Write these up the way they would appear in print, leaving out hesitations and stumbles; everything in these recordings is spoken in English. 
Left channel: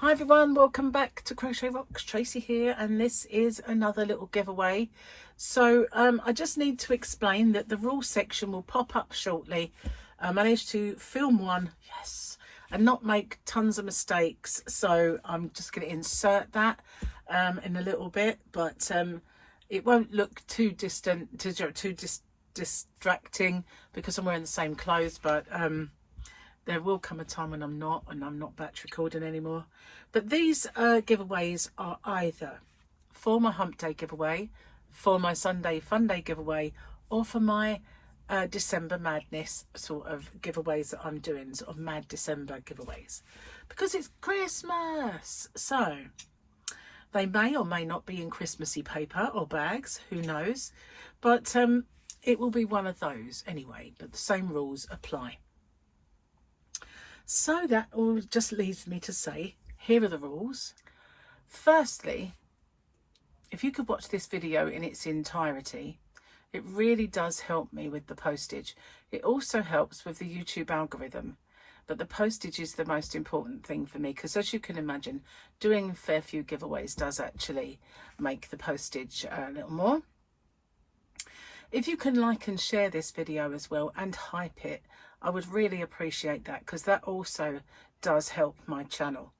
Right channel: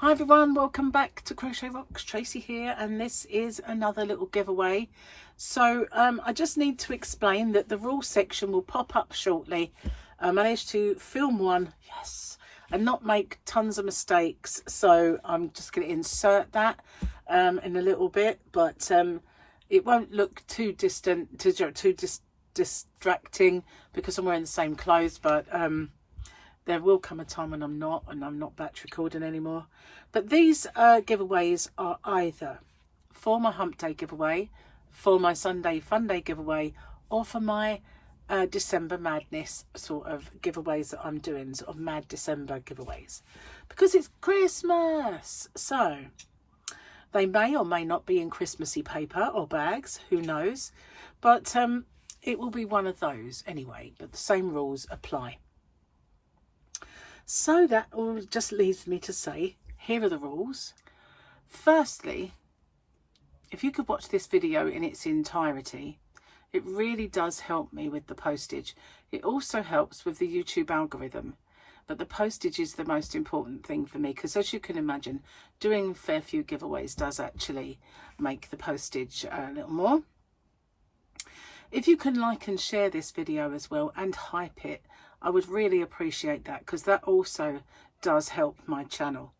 Hi everyone, welcome back to Crochet Rocks. Tracy here, and this is another little giveaway. So I just need to explain that the rules section will pop up shortly. I managed to film one, yes, and not make tons of mistakes, so I'm just going to insert that in a little bit, but it won't look too distracting because I'm wearing the same clothes, but there will come a time when I'm not batch recording anymore. But these giveaways are either for my Hump Day giveaway, for my Sunday Fun Day giveaway, or for my December Madness sort of giveaways that I'm doing, sort of Mad December giveaways, because it's Christmas. So they may or may not be in Christmassy paper or bags, who knows, but it will be one of those anyway, but the same rules apply. So that all just leaves me to say, here are the rules. Firstly, if you could watch this video in its entirety, it really does help me with the postage. It also helps with the YouTube algorithm, but the postage is the most important thing for me, because as you can imagine, doing a fair few giveaways does actually make the postage a little more. If you can like and share this video as well and hype it, I would really appreciate that, because that also does help my channel.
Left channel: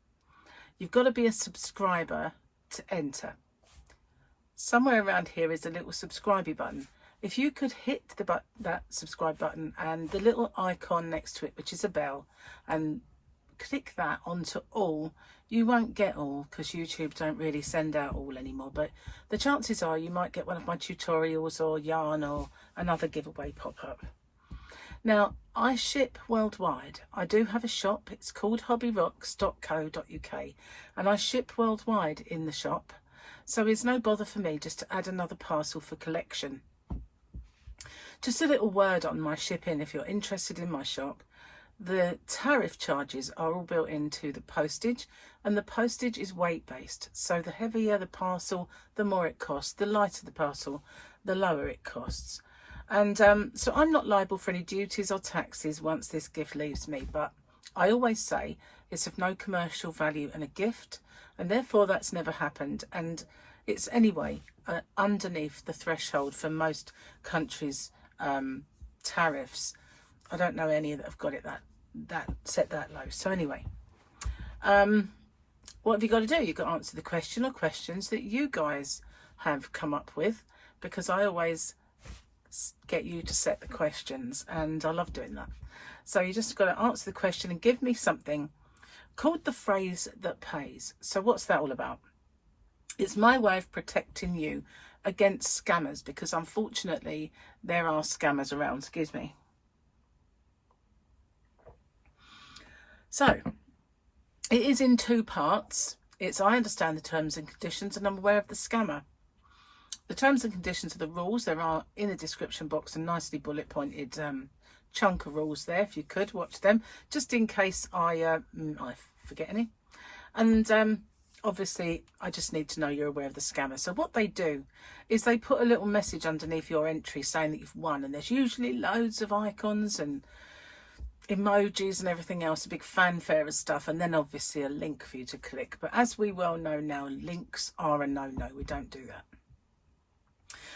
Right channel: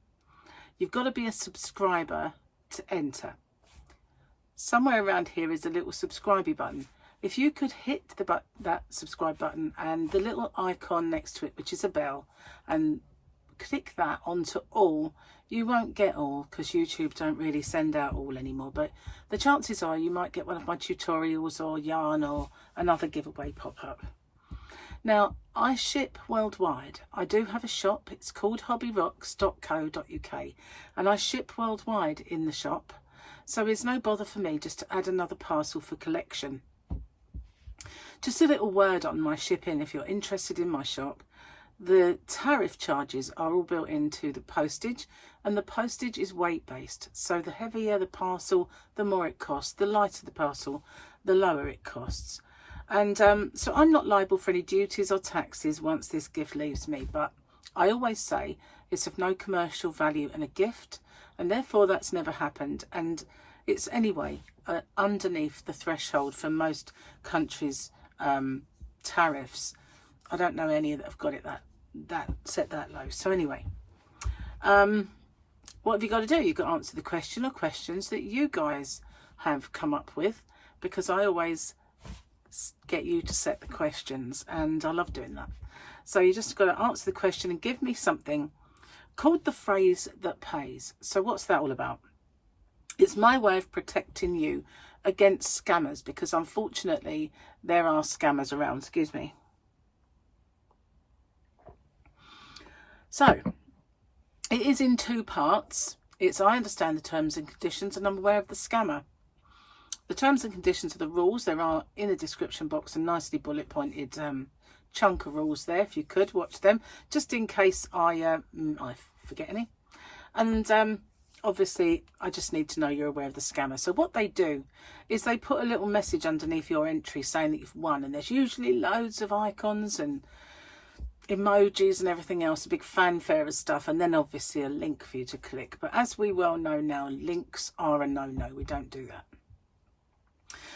You've got to be a subscriber to enter. Somewhere around here is a little subscribe button. If you could hit that subscribe button and the little icon next to it, which is a bell, and click that onto all, you won't get all because YouTube don't really send out all anymore, but the chances are you might get one of my tutorials or yarn or another giveaway pop up. Now, I ship worldwide. I do have a shop. It's called hobbyrocks.co.uk, and I ship worldwide in the shop, so it's no bother for me just to add another parcel for collection. Just a little word on my shipping if you're interested in my shop. The tariff charges are all built into the postage, and the postage is weight based, so the heavier the parcel, the more it costs. The lighter the parcel, the lower it costs. And so I'm not liable for any duties or taxes once this gift leaves me, but I always say it's of no commercial value and a gift, and therefore that's never happened, and it's anyway underneath the threshold for most countries' tariffs. I don't know any that have got it that set that low. So anyway, what have you got to do? You've got to answer the question or questions that you guys have come up with, because I always get you to set the questions, and I love doing that. So you just got to answer the question and give me something called the phrase that pays. So what's that all about? It's my way of protecting you against scammers, because unfortunately there are scammers around. Excuse me. So it is in two parts. It's I understand the terms and conditions, and I'm aware of the scammer. The terms and conditions are the rules. There are in the description box a nicely bullet pointed chunk of rules there. If you could watch them, just in case I forget any. And obviously I just need to know you're aware of the scammer. So what they do is they put a little message underneath your entry saying that you've won, and there's usually loads of icons and emojis and everything else, a big fanfare of stuff, and then obviously a link for you to click. But as we well know now, links are a no-no. We don't do that.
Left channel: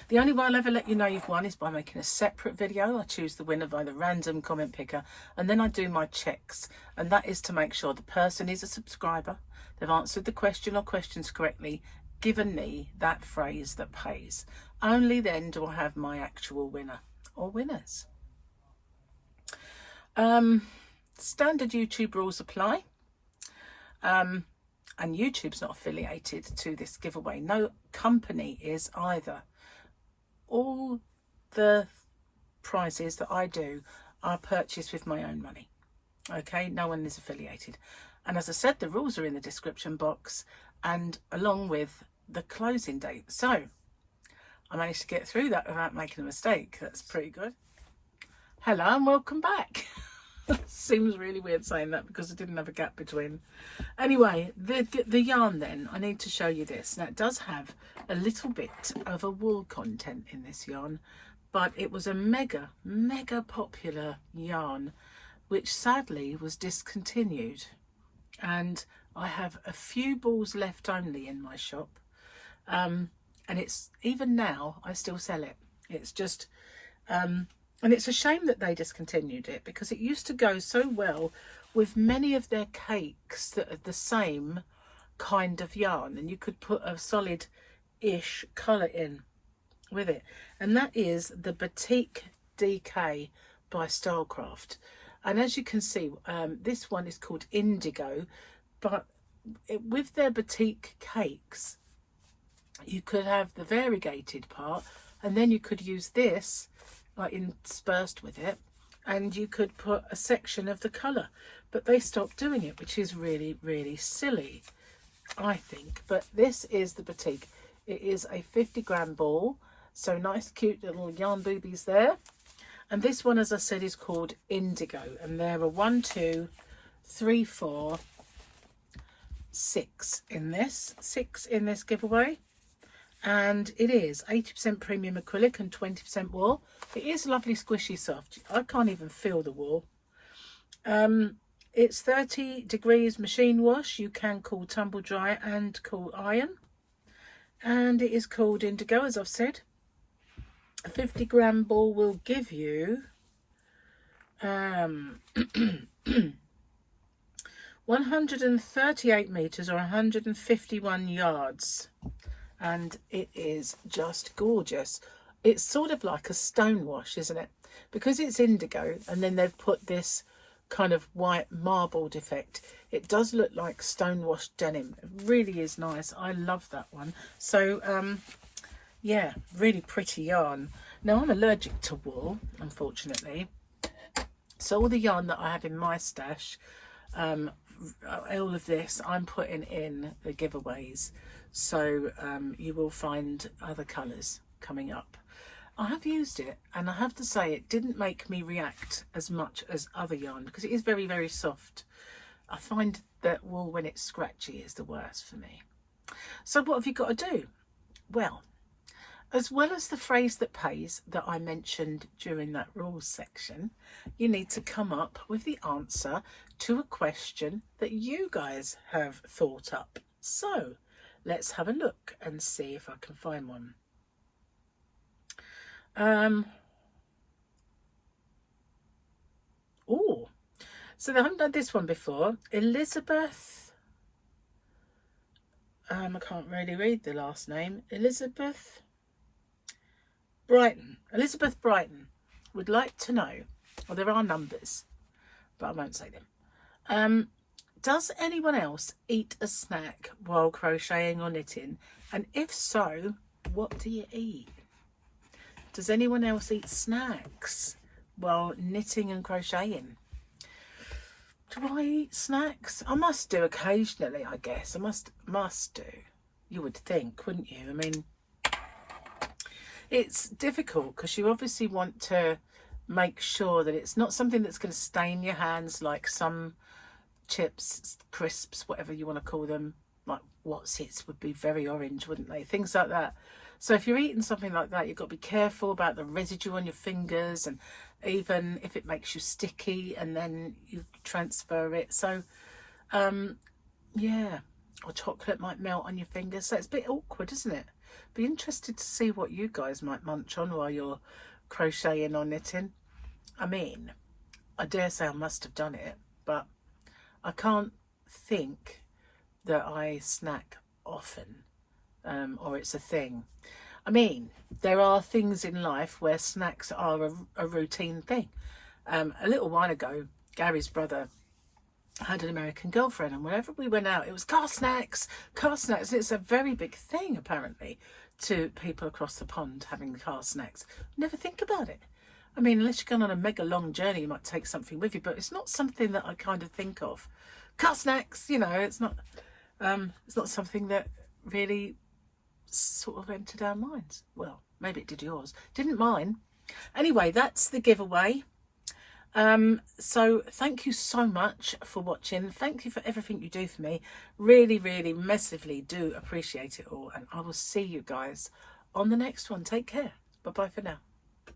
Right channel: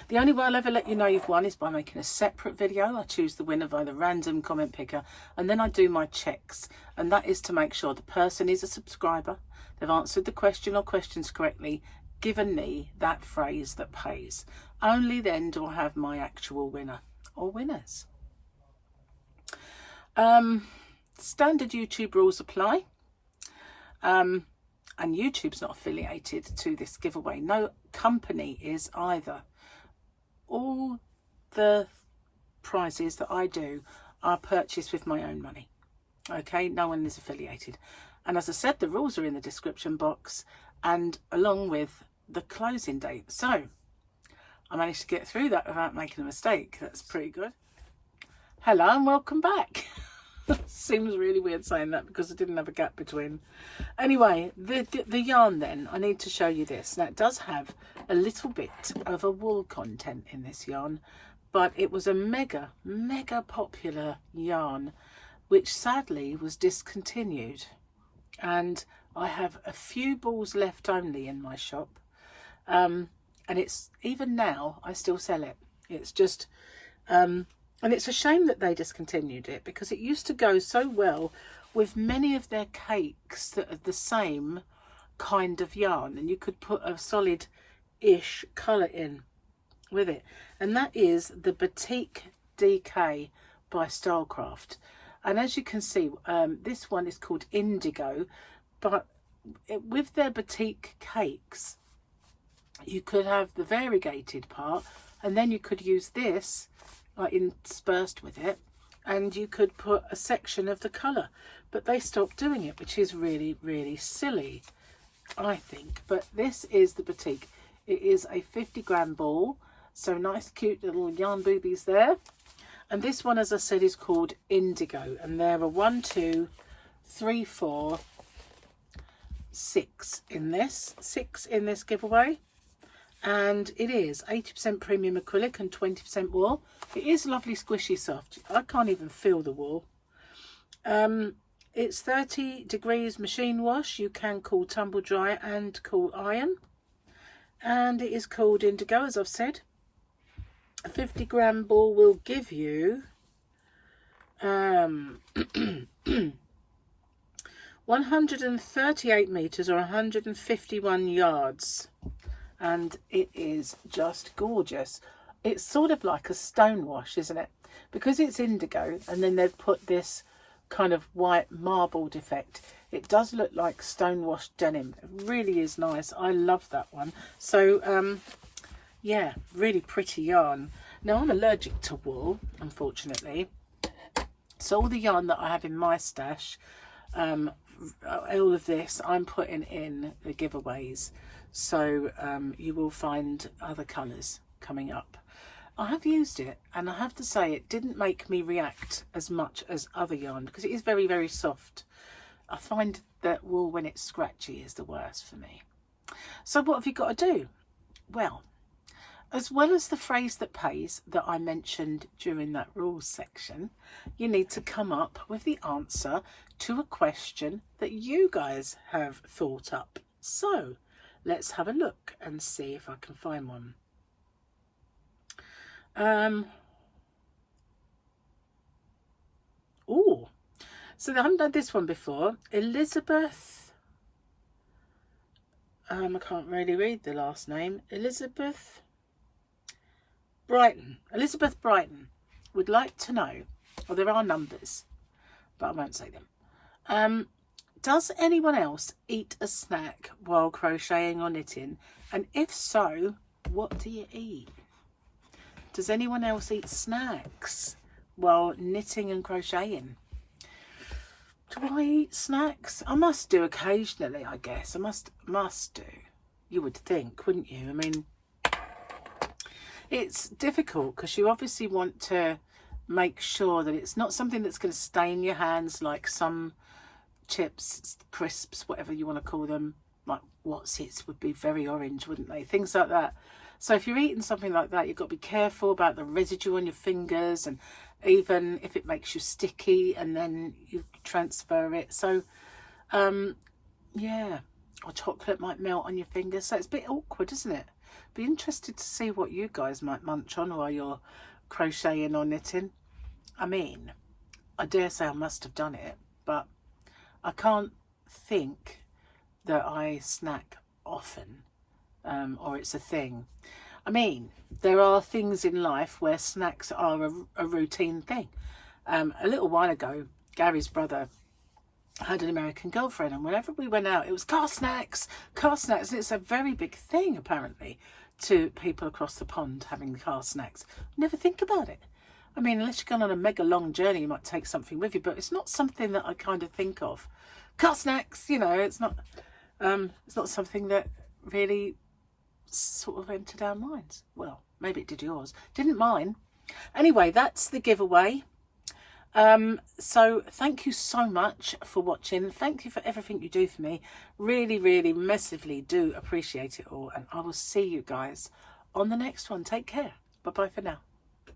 The only way I'll ever let you know you've won is by making a separate video. I choose the winner by the random comment picker, and then I do my checks, and that is to make sure the person is a subscriber, they've answered the question or questions correctly, given me that phrase that pays. Only then do I have my actual winner or winners. Standard YouTube rules apply, and YouTube's not affiliated to this giveaway. No company is either. All the prizes that I do are purchased with my own money. Okay, no one is affiliated. And as I said, the rules are in the description box, and along with the closing date. So I managed to get through that without making a mistake. That's pretty good. Hello and welcome back. Seems really weird saying that because I didn't have a gap between. Anyway, the yarn then, I need to show you this. Now it does have a little bit of a wool content in this yarn, but it was a mega popular yarn which sadly was discontinued, and I have a few balls left only in my shop, and it's, even now I still sell it. It's just and it's a shame that they discontinued it, because it used to go so well with many of their cakes that are the same kind of yarn, and you could put a solid-ish colour in with it. And that is the Batik DK by Stylecraft. And as you can see, this one is called Indigo, but with their batik cakes, you could have the variegated part, and then you could use this like interspersed with it, and you could put a section of the colour. But they stopped doing it, which is really, really silly, I think. But this is the Batik. It is a 50-gram ball, so nice cute little yarn boobies there. And this one, as I said, is called Indigo, and there are 1, 2, 3, 4, 6 in this. 6 in this giveaway. And it is 80% premium acrylic and 20% wool. It is lovely, squishy, soft. I can't even feel the wool. It's 30 degrees machine wash. You can cool tumble dry and cool iron. And it is called Indigo, as I've said. A 50-gram ball will give you 138 meters or 151 yards. And it is just gorgeous. It's sort of like a stone wash, isn't it? Because it's indigo, and then they've put this kind of white marbled effect. It does look like stone washed denim. It really is nice. I love that one. So yeah, really pretty yarn. Now, I'm allergic to wool, unfortunately, so all the yarn that I have in my stash, all of this I'm putting in the giveaways. So you will find other colours coming up. I have used it, and I have to say it didn't make me react as much as other yarn, because it is very, very soft. I find that wool, when it's scratchy, is the worst for me. So what have you got to do? Well as the phrase that pays that I mentioned during that rules section, you need to come up with the answer to a question that you guys have thought up. So let's have a look and see if I can find one. Oh, so I haven't done this one before. Elizabeth, I can't really read the last name. Elizabeth Brighton would like to know, well, there are numbers, but I won't say them. Does anyone else eat a snack while crocheting or knitting? And if so, what do you eat? Does anyone else eat snacks while knitting and crocheting? Do I eat snacks? I must do occasionally, I guess. I must do. You would think, wouldn't you? I mean, it's difficult because you obviously want to make sure that it's not something that's going to stain your hands, like some chips, crisps, whatever you want to call them, like What's-Its would be very orange, wouldn't they? Things like that. So if you're eating something like that, you've got to be careful about the residue on your fingers, and even if it makes you sticky and then you transfer it. So yeah, or chocolate might melt on your fingers. So it's a bit awkward, isn't it? Be interested to see what you guys might munch on while you're crocheting or knitting. I mean, I dare say I must have done it, but I can't think that I snack often, or it's a thing. I mean, there are things in life where snacks are a routine thing. A little while ago, Gary's brother had an American girlfriend, and whenever we went out, it was car snacks. And it's a very big thing, apparently, to people across the pond having car snacks. Never think about it. I mean, unless you're going on a mega long journey, you might take something with you, but it's not something that I kind of think of. Car snacks, you know, it's not something that really sort of entered our minds. Well, maybe it did yours. Didn't mine. Anyway, that's the giveaway. So thank you so much for watching. Thank you for everything you do for me. Really, really massively do appreciate it all. And I will see you guys on the next one. Take care. Bye-bye for now.